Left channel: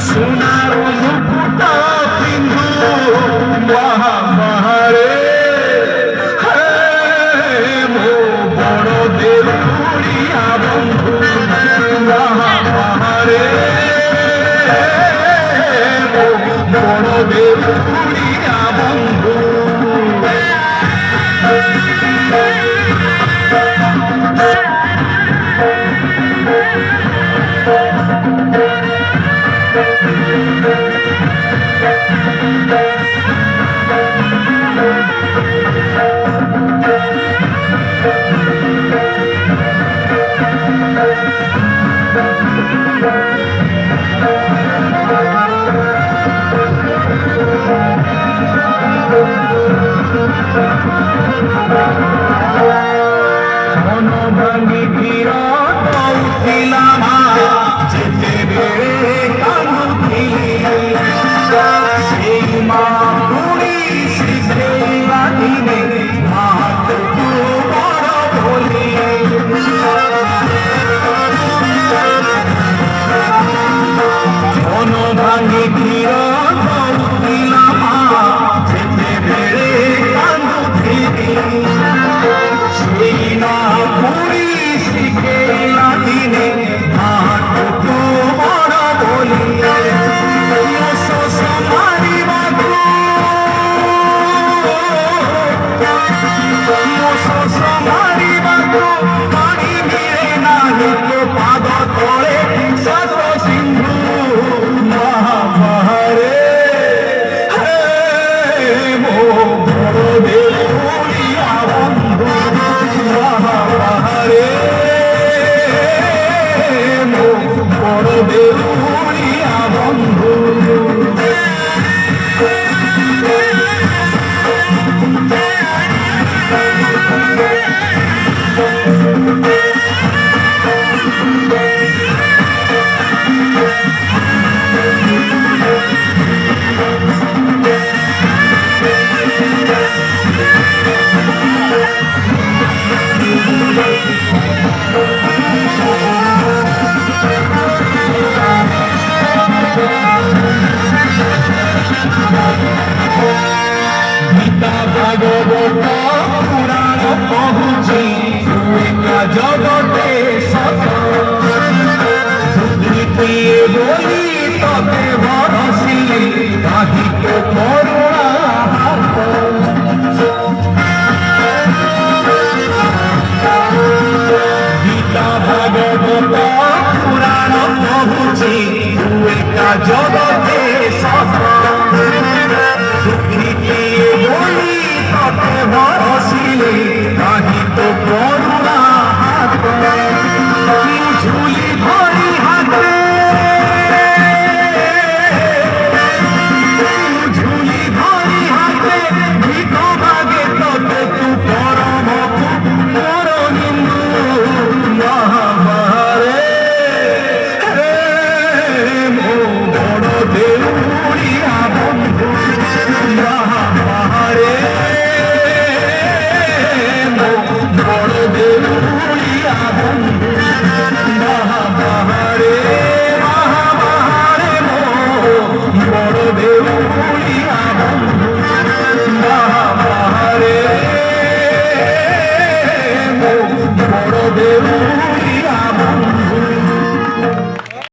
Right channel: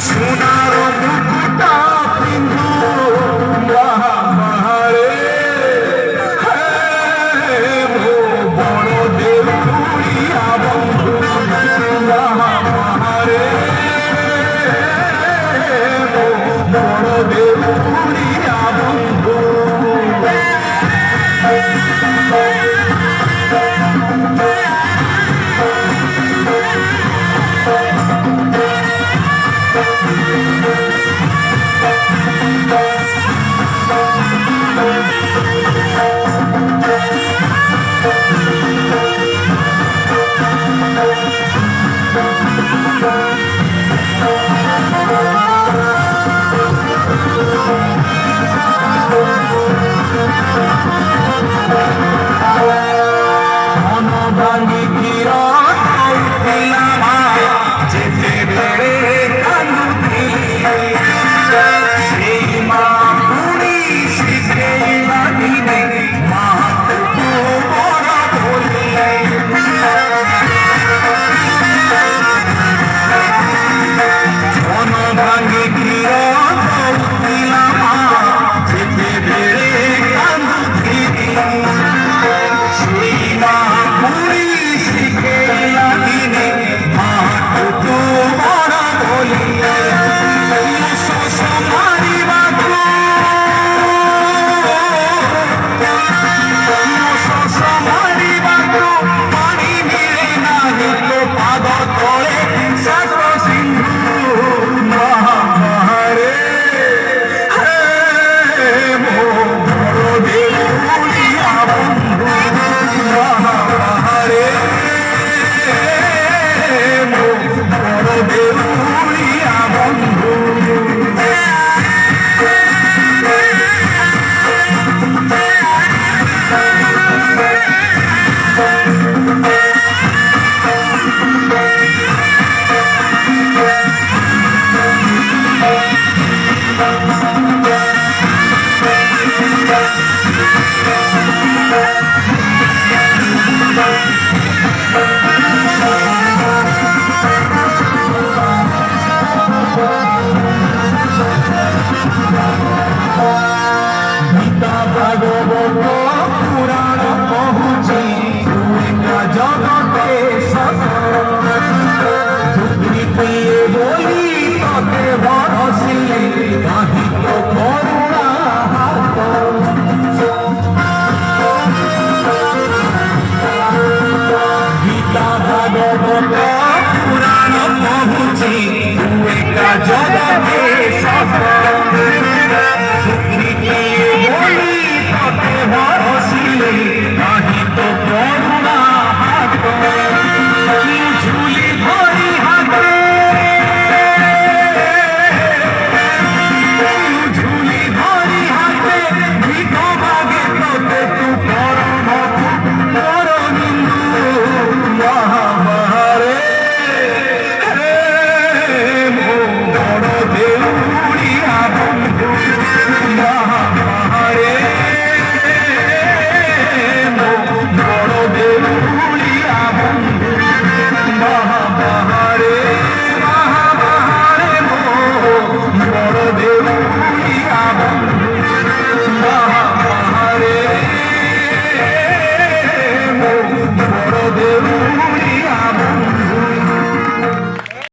সোনার মুকুটা পিন্ধু মহামারে মো বড় দেউরিয়া বন্ধু মহামারে বড় দেউরিয়া বন্ধু ভাঙি ফিরা যেতে বেড়ে কান্দুকি সেই মা পুরি সেই বাড়িতে মা বলি মন ভাঙি ফিরা যেতে বেড়ে কান্দুকি সেই মা পুরি শিখে লাগিনে মাটুকু বড় বলিলে মারিবাকে পানি মিলে না পাদ তলে শত সিন্ধু মহামারে মো বড় দেউরিয়া বন্ধু মহামারে মো বড় দেউরিয়া বন্ধু গীতা ভাগবত পুরাণ পহুছি জগতে সত দুর্নীতিয়ে বলি ততে ভরসিলে কাহিত করুণা হাত গীতা ভাগবত পুরাণ পহুছি জগতে